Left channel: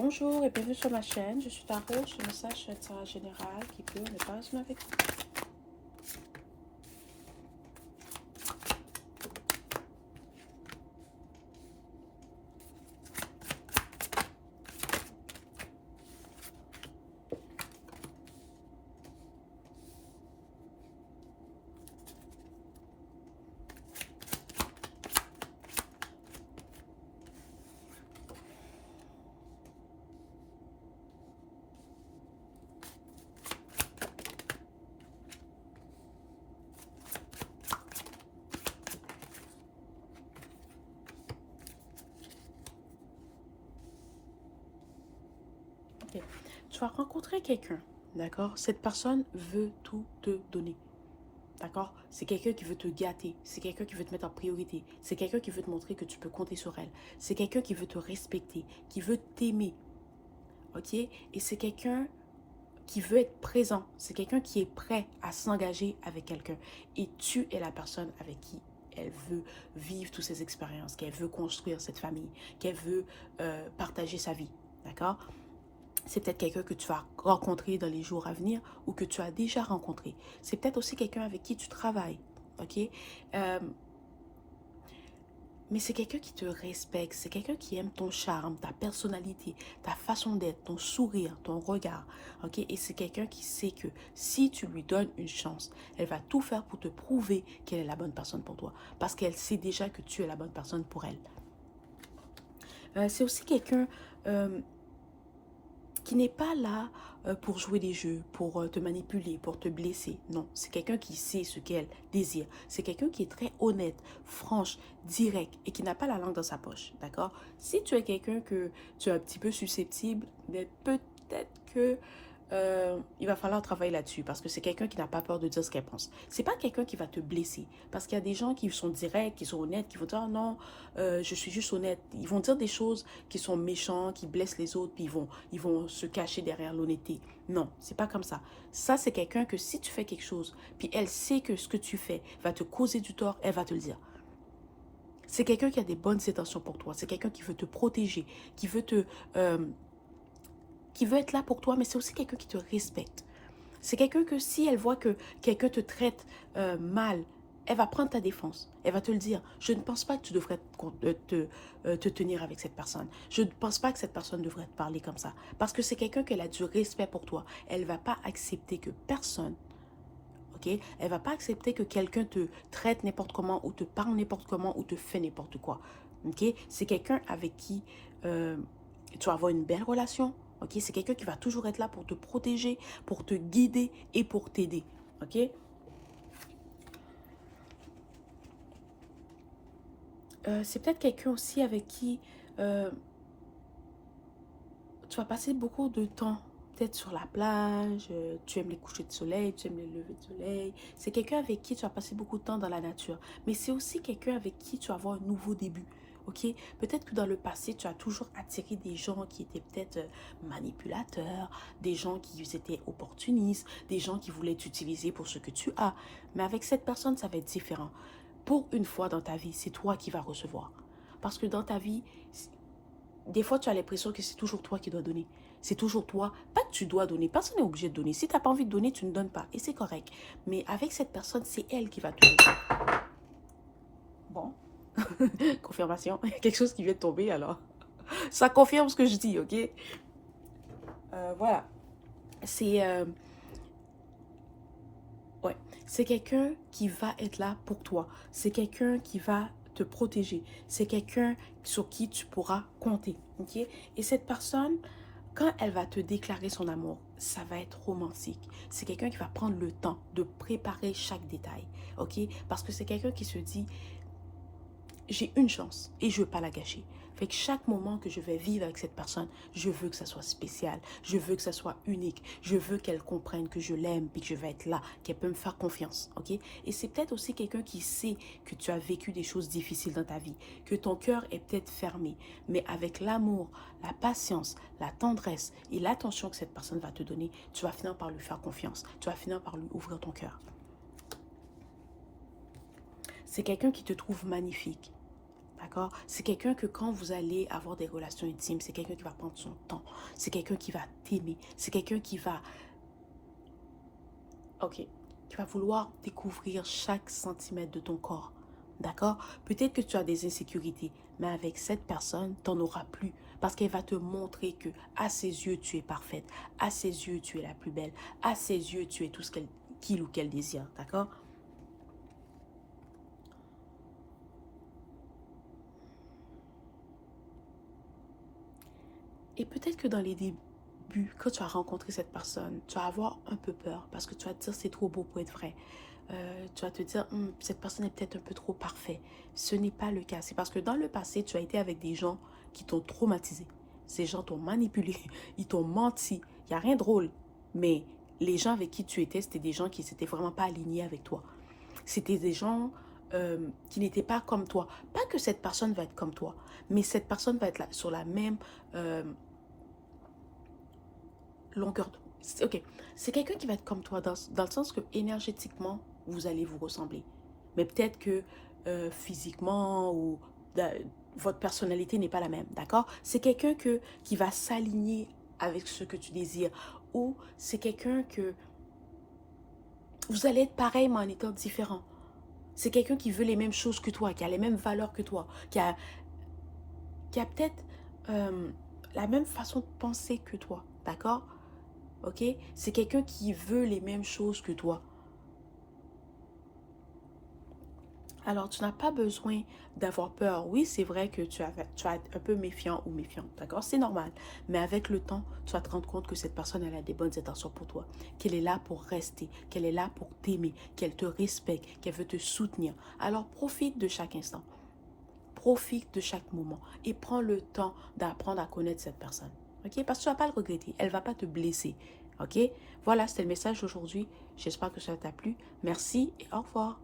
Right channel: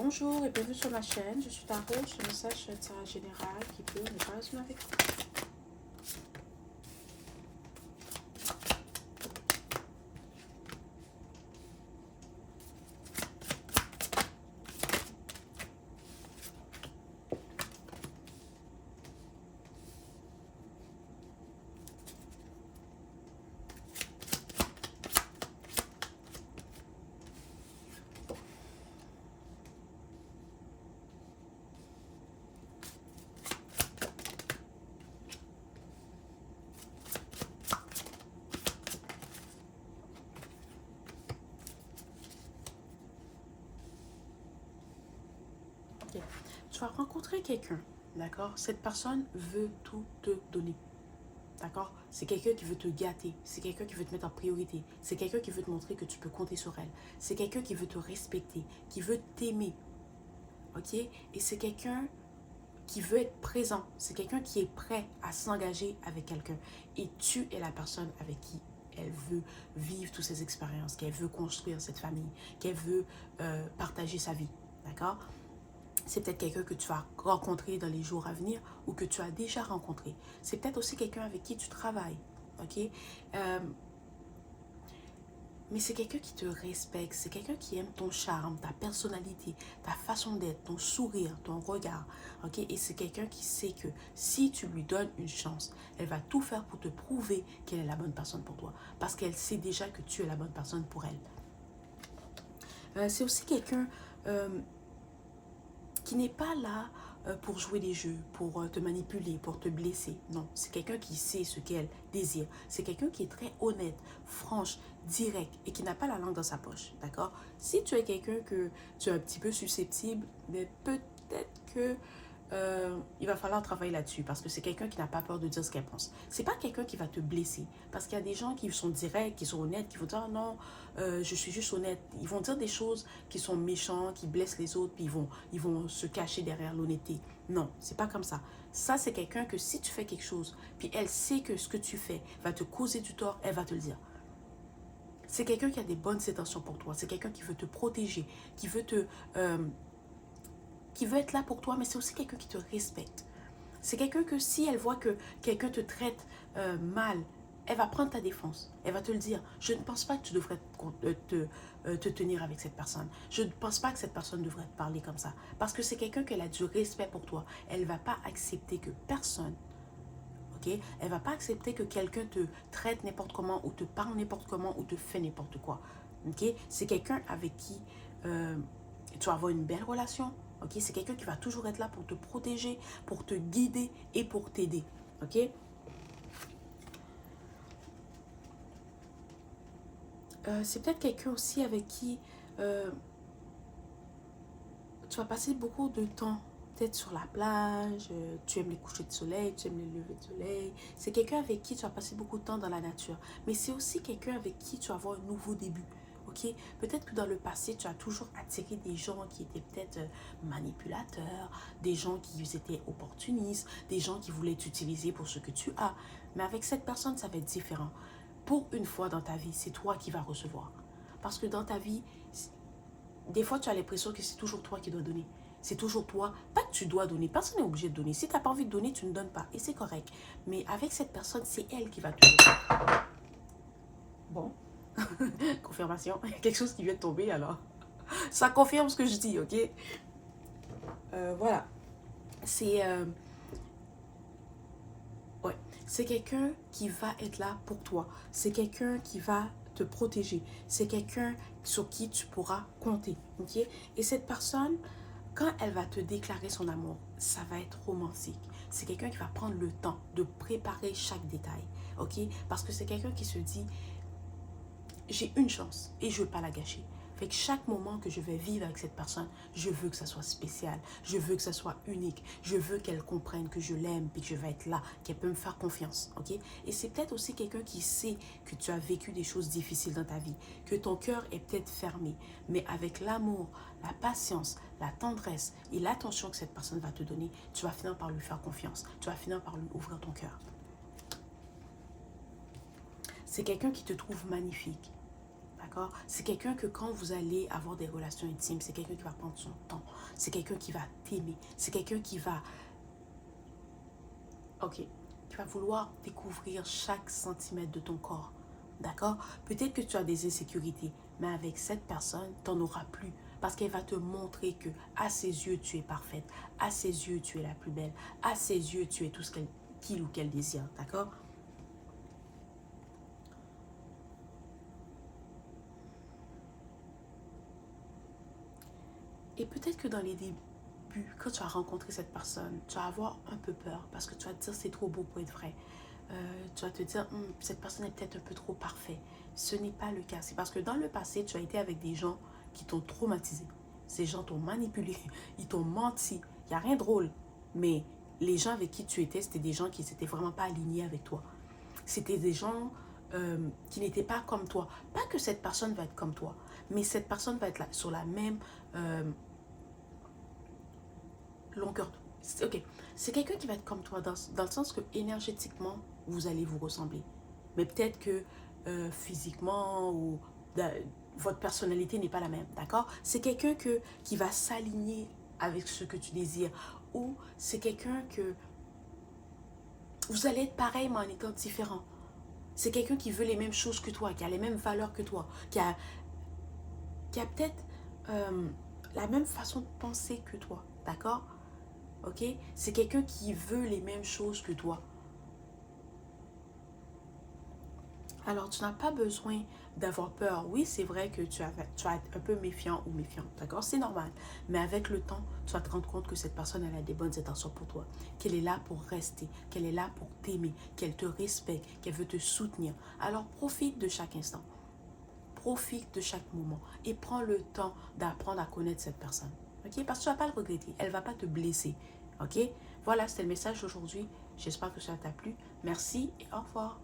Bonjour et bienvenue sur ma chaîne. Je suis Tarot, je suis message tirage général qui peut ne pas résonner avec vous. Ok. Tu vas rencontrer quelqu'un, d'accord? Cette personne veut tout te donner, d'accord? C'est quelqu'un qui veut te gâter, c'est quelqu'un qui veut te mettre en priorité, c'est quelqu'un qui veut te montrer que tu peux compter sur elle, c'est quelqu'un qui veut te respecter, qui veut t'aimer, ok? Et c'est quelqu'un qui veut être présent, c'est quelqu'un qui est prêt à s'engager avec quelqu'un. Et tu es la personne avec qui elle veut vivre toutes ces expériences, qu'elle veut construire cette famille, qu'elle veut partager sa vie, d'accord? C'est peut-être quelqu'un que tu vas rencontrer dans les jours à venir ou que tu as déjà rencontré. C'est peut-être aussi quelqu'un avec qui tu travailles, ok? Euh, mais c'est quelqu'un qui te respecte, c'est quelqu'un qui aime ton charme, ta personnalité, ta façon d'être, ton sourire, ton regard, ok? Et c'est quelqu'un qui sait que si tu lui donnes une chance, elle va tout faire pour te prouver qu'elle est la bonne personne pour toi, parce qu'elle sait déjà que tu es la bonne personne pour elle. C'est aussi quelqu'un euh, qui n'est pas là pour jouer des jeux, pour te manipuler, pour te blesser. Non, c'est quelqu'un qui sait ce qu'elle désire. C'est quelqu'un qui est très honnête, franche, direct et qui n'a pas la langue dans sa poche. D'accord? Si tu es quelqu'un que tu es un petit peu susceptible, mais peut-être que il va falloir travailler là-dessus parce que c'est quelqu'un qui n'a pas peur de dire ce qu'elle pense. C'est pas quelqu'un qui va te blesser parce qu'il y a des gens qui sont directs, qui sont honnêtes, qui vont dire oh non, je suis juste honnête. Ils vont dire des choses qui sont méchants, qui blessent les autres, puis ils vont se cacher derrière l'honnêteté. Non, c'est pas comme ça. Ça, c'est quelqu'un que si tu fais quelque chose, puis elle sait que ce que tu fais va te causer du tort, elle va te le dire. C'est quelqu'un qui a des bonnes intentions pour toi. C'est quelqu'un qui veut te protéger, qui veut te, euh, qui veut être là pour toi, mais c'est aussi quelqu'un qui te respecte. C'est quelqu'un que si elle voit que quelqu'un te traite mal, elle va prendre ta défense. Elle va te le dire. Je ne pense pas que tu devrais te tenir avec cette personne. Je ne pense pas que cette personne devrait te parler comme ça. Parce que c'est quelqu'un qui a du respect pour toi. Elle ne va pas accepter que personne, ok? Elle ne va pas accepter que quelqu'un te traite n'importe comment ou te parle n'importe comment ou te fait n'importe quoi. Ok? C'est quelqu'un avec qui tu vas avoir une belle relation. Ok? C'est quelqu'un qui va toujours être là pour te protéger, pour te guider et pour t'aider. Ok? C'est peut-être quelqu'un aussi avec qui euh, tu vas passer beaucoup de temps. Peut-être sur la plage, tu aimes les couchers de soleil, tu aimes les levées de soleil. C'est quelqu'un avec qui tu vas passer beaucoup de temps dans la nature. Mais c'est aussi quelqu'un avec qui tu vas avoir un nouveau début. Ok? Peut-être que dans le passé, tu as toujours attiré des gens qui étaient peut-être manipulateurs, des gens qui étaient opportunistes, des gens qui voulaient t'utiliser pour ce que tu as. Mais avec cette personne, ça va être différent. Pour une fois dans ta vie, c'est toi qui vas recevoir. Parce que dans ta vie, des fois, tu as l'impression que c'est toujours toi qui dois donner. C'est toujours toi. Pas que tu dois donner. Personne n'est obligé de donner. Si tu n'as pas envie de donner, tu ne donnes pas. Et c'est correct. Mais avec cette personne, c'est elle qui va te... Bon. Confirmation. Il y a quelque chose qui vient de tomber alors. Ça confirme ce que je dis, ok? Voilà. C'est... ouais. C'est quelqu'un qui va être là pour toi. C'est quelqu'un qui va te protéger. C'est quelqu'un sur qui tu pourras compter, ok? Et cette personne, quand elle va te déclarer son amour, ça va être romantique. C'est quelqu'un qui va prendre le temps de préparer chaque détail, ok? Parce que c'est quelqu'un qui se dit, j'ai une chance et je ne veux pas la gâcher. Fait que chaque moment que je vais vivre avec cette personne, je veux que ça soit spécial, je veux que ça soit unique, je veux qu'elle comprenne que je l'aime et que je vais être là, qu'elle peut me faire confiance, ok? Et c'est peut-être aussi quelqu'un qui sait que tu as vécu des choses difficiles dans ta vie, que ton cœur est peut-être fermé, mais avec l'amour, la patience, la tendresse et l'attention que cette personne va te donner, tu vas finir par lui faire confiance, tu vas finir par lui ouvrir ton cœur. C'est quelqu'un qui te trouve magnifique. D'accord? C'est quelqu'un que quand vous allez avoir des relations intimes, c'est quelqu'un qui va prendre son temps. C'est quelqu'un qui va t'aimer. C'est quelqu'un qui va... Ok. Qui va vouloir découvrir chaque centimètre de ton corps. D'accord? Peut-être que tu as des insécurités, mais avec cette personne, tu n'en auras plus. Parce qu'elle va te montrer que à ses yeux, tu es parfaite. À ses yeux, tu es la plus belle. À ses yeux, tu es tout ce qu'il ou qu'elle désire. D'accord? Et peut-être que dans les débuts, quand tu vas rencontrer cette personne, tu vas avoir un peu peur parce que tu vas te dire c'est trop beau pour être vrai. Tu vas te dire cette personne est peut-être un peu trop parfaite. Ce n'est pas le cas. C'est parce que dans le passé, tu as été avec des gens qui t'ont traumatisé. Ces gens t'ont manipulé, ils t'ont menti. Il n'y a rien de drôle. Mais les gens avec qui tu étais, c'était des gens qui n'étaient vraiment pas alignés avec toi. C'était des gens qui n'étaient pas comme toi. Pas que cette personne va être comme toi, mais cette personne va être là, sur la même euh, longueur. Ok, c'est quelqu'un qui va être comme toi dans le sens que énergétiquement, vous allez vous ressembler. Mais peut-être que physiquement ou votre personnalité n'est pas la même, d'accord? C'est quelqu'un qui va s'aligner avec ce que tu désires. Ou c'est quelqu'un que vous allez être pareil mais en étant différent. C'est quelqu'un qui veut les mêmes choses que toi, qui a les mêmes valeurs que toi, qui a peut-être euh, la même façon de penser que toi, d'accord? Ok? C'est quelqu'un qui veut les mêmes choses que toi. Alors, tu n'as pas besoin d'avoir peur. Oui, c'est vrai que tu vas être un peu méfiant ou méfiante, d'accord? C'est normal. Mais avec le temps, tu vas te rendre compte que cette personne, elle a des bonnes intentions pour toi. Qu'elle est là pour rester, qu'elle est là pour t'aimer, qu'elle te respecte, qu'elle veut te soutenir. Alors, profite de chaque instant. Profite de chaque moment et prends le temps d'apprendre à connaître cette personne. Ok? Parce que tu ne vas pas le regretter. Elle ne va pas te blesser. Ok? Voilà, c'était le message d'aujourd'hui. J'espère que ça t'a plu. Merci et au revoir.